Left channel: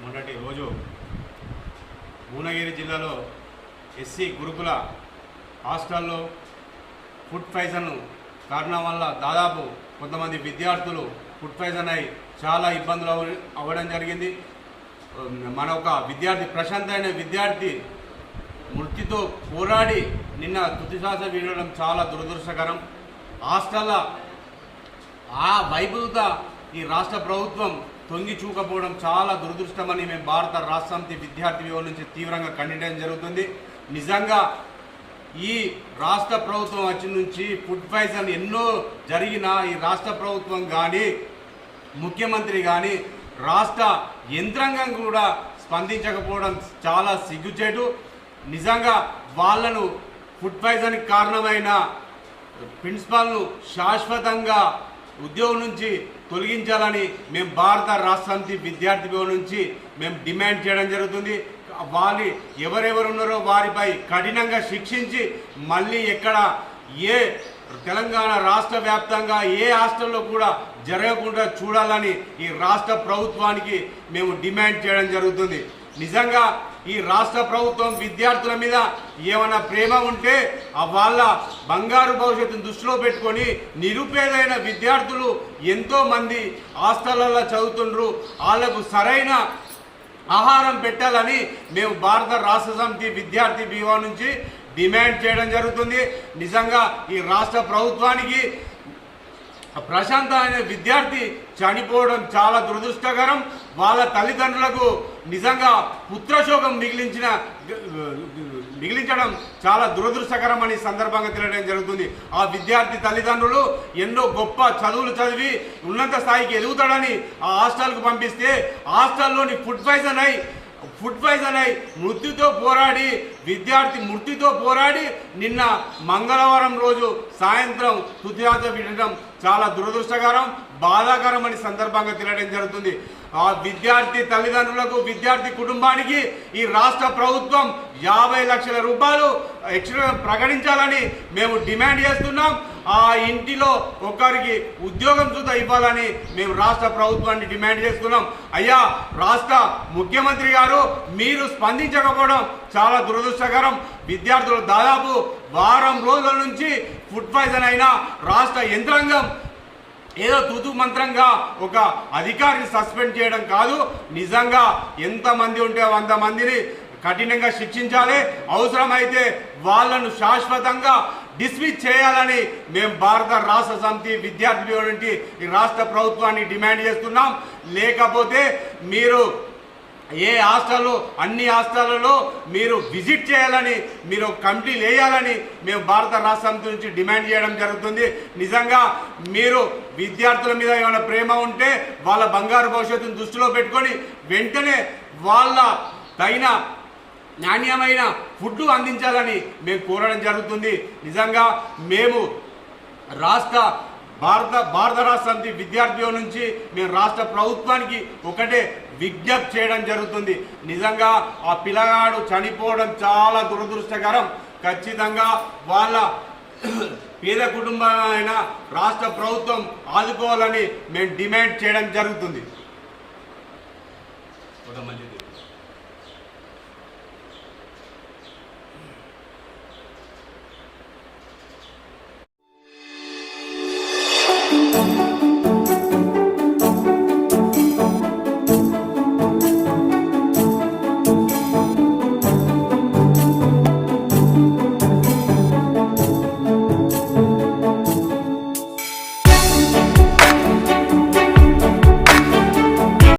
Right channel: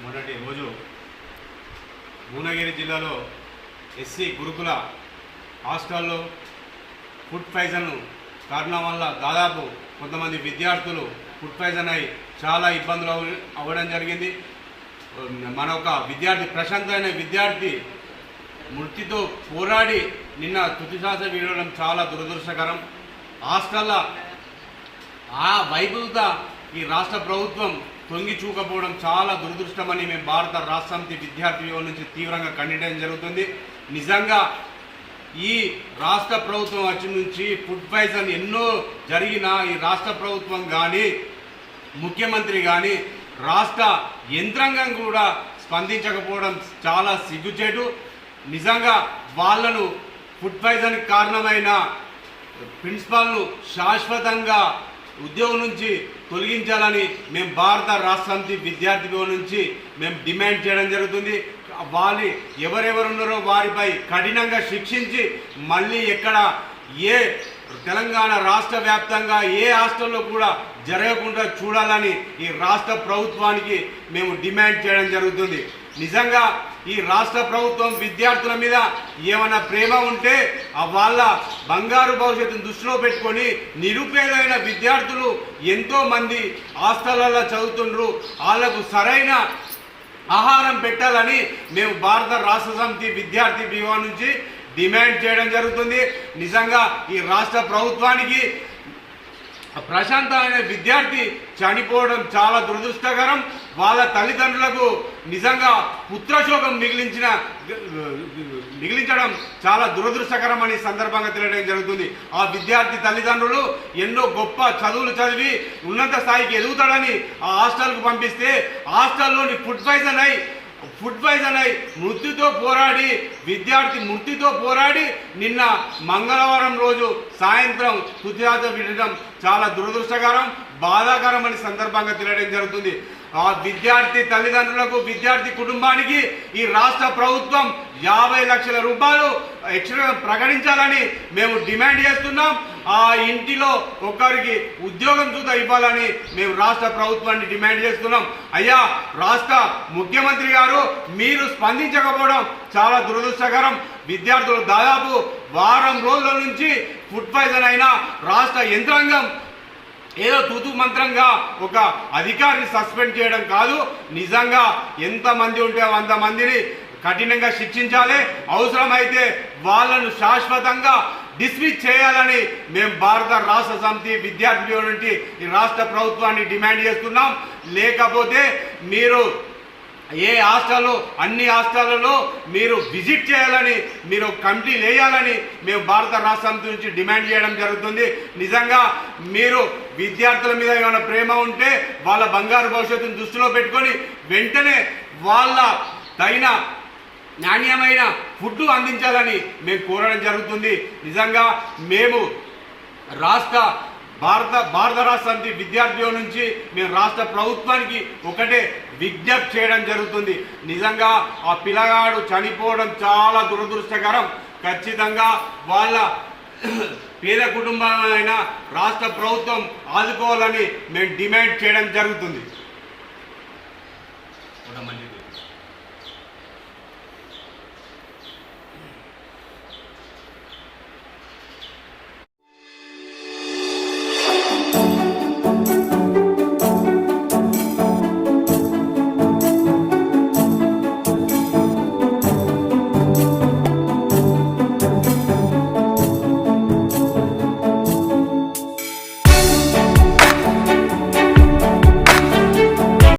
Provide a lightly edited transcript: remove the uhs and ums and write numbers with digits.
మొన్నటి రోజు భువనగిరి జిల్లాలో ఎస్సీ గురుకుల హాస్టల్లో ఫుడ్ పాయిజన్ కారణం వల్ల దాదాపు కొంతమంది విద్యార్థులు ఫుడ్ పాయిజన్ అయి చాలా ఇబ్బందులు అవ్వడం జరిగింది. మన ఒక విద్యార్థి ప్రశాంత్ అనే విద్యార్థి మృతితో పోరాడి నిన్న తుదిశ్వాస విడవడం చాలా దురదృష్టకరం. హాస్టల్లో ఆ వైభవత ఈ రాష్ట్ర ప్రభుత్వం తొంగి చూకపోవడం చాలా దురదృష్టమని మేము భారత రాష్ట్ర సమితి విద్యార్థి యువకుల నుంచి తీవ్రంగా ఖండించడం జరుగుతుంది. నిజంగా ఈ రాష్ట్ర ప్రభుత్వం వచ్చి నుంచి ఫుడ్ పాయిజన్ ఎన్నో జరిగినా ఈ రాష్ట్ర ప్రభుత్వం కానీ ముఖ్యమంత్రి కానీ రాష్ట్ర యంత్రాంగం కూడా స్పందించకపోవడం చాలా సిగ్గుచేటు. నిజంగా వాళ్ళను ఫుడ్ పాయిజన్కి కారణమైన ప్రిన్సిపాల్ను శాశ్వతంగా ఉద్యోగం నుంచి తొలగించాలని మేము భారత రాష్ట్ర సమితి విద్యార్థి యువకుల నుంచి మేము డిమాండ్ చేయడం జరుగుతుంది. వాళ్ళు ఎవరెవరు ఉన్నారో వారిపై కఠినంగా శిక్షించి మళ్ళీ ఎక్కడ ఏ తెలంగాణ రాష్ట్ర వ్యాప్తంగా ఏ హాస్టల్లో కూడా జరగకుండా చూడాలని ఈ రాష్ట్ర ప్రభుత్వానికి మేము డిమాండ్ చేయడం జరుగుతుంది. నిజంగా ఈ రాష్ట్ర ప్రభుత్వం విద్యార్థుల మీద ఏమైనా ప్రేమ ఉంటే వాళ్ళ బంగారు భవిష్యత్తును దృష్టిలో పెట్టుకొని నిరుపేదైన విద్యార్థులు ఎంతోమంది హాస్టళ్లలో చదువుతుండ్రు, వాళ్లకు సరైన ఆహారం పెట్టాలని మేము భారత రాష్ట్ర సమితి విద్యార్థి యువకుల నుంచి డిమాండ్ చేయడం జరుగుతుంది. నిజంగా ఈ రాష్ట్ర ప్రభుత్వానికి ప్రశాంత్ అనే విద్యార్థి చనిపోవడం చాలా దురదృష్టకరం. వాళ్ళ తల్లిదండ్రులకు నిజంగా పుత్రశోకం మిగిలించడం చాలా దురదృష్టకరం అని సందర్భంగా తెలియడం జరుగుతుంది. ఆ విద్యార్థి తల్లిదండ్రులు ఎన్నో గొప్ప చదువులు చదివి ఉన్నత స్థాయికి ఎదుగుతాడని ఆ హాస్టల్కు పంపిస్తే హాస్టల్లోని ఫుడ్ పాయిజన్ అయి మృత్యుతో పోరాడి నిన్న మంగళవారం రోజు సాయంత్రం తుదిశ్వాస విడడం చాలా దురదృష్టకరం, బాధాకరం అని సందర్భంగా తెలియడం జరుగుతుంది. ఆ విద్యార్థి తల్లిదండ్రులకు విద్యార్థి కుటుంబానికి ఈ రాష్ట్ర ప్రభుత్వం 50 లక్షల రూపాయలు ఎక్స్ట్రా ప్రకటించాలని మేము డిమాండ్ చేస్తున్నాం. ఆ ఇంటిలో ఒకరికి ఉద్యోగం చూత ఇవ్వాలని మేము రాష్ట్ర ప్రభుత్వాన్ని డిమాండ్ చేస్తున్నాం. అయ్యా రాష్ట్ర ముఖ్యమంత్రి గారు మీరు స్పందించకపోవడం చాలా దురదృష్టకరం. విద్యార్థులు దాదాపు వారం రోజుల నుంచి ఫుడ్ పాయిజన్ అయిన రాష్ట్ర యంత్రాంగం ఏదో తూతు మంత్రంగా ఒక అధికారిని సస్పెండ్ చేయడం కాదు, నిజంగా ఎంతమంది ఉంటే అంతమందిని కఠినంగా శిక్షించాలి. అవసరమైతే వాళ్ళను శాశ్వతంగా డిస్మిస్ చేయాలని మేము భారత రాష్ట్ర సమితి విద్యార్థి యువకుల నుంచి ఈ రాష్ట్ర ప్రభుత్వాన్ని డిమాండ్ చేస్తున్నాం. లేకపోతే మీరు ఏ హాస్టల్లో అన్ని హాస్టళ్లలో మీరు విజిట్ చేయాలని మీరు కమిటీ వేయాలని మేము భారత రాష్ట్ర సమితి నుంచి డిమాండ్ చేయడం జరుగుతుంది. నిజంగా మీరు విద్యార్థుల మీద ఏమైనా ప్రేమ ఉంటే వాళ్ళ బంగారు భవిష్యత్తును దృష్టిలో పెట్టుకొని వెంటనే వాళ్ళ తగిన నాణ్యమైన ఫుడ్ అందించాలని మేము కోరడం జరుగుతుంది. నిజంగా మేము భారత రాష్ట్ర సమితి విద్యార్థి యువకుల నుంచి మేము రాష్ట్ర ప్రభుత్వానికి ఒకటే విజ్ఞప్తి చేయడం జరుగుతుంది. నిజంగా ఆ పిల్లగాడు చనిపోవడం చాలా దురదృష్టకరం. ఖచ్చితంగా వాళ్ళ పేద కుటుంబమైన రాష్ట్ర ప్రభుత్వం ఆదుకోవాలని మేము డిమాండ్ చేయడం జరుగుతుంది.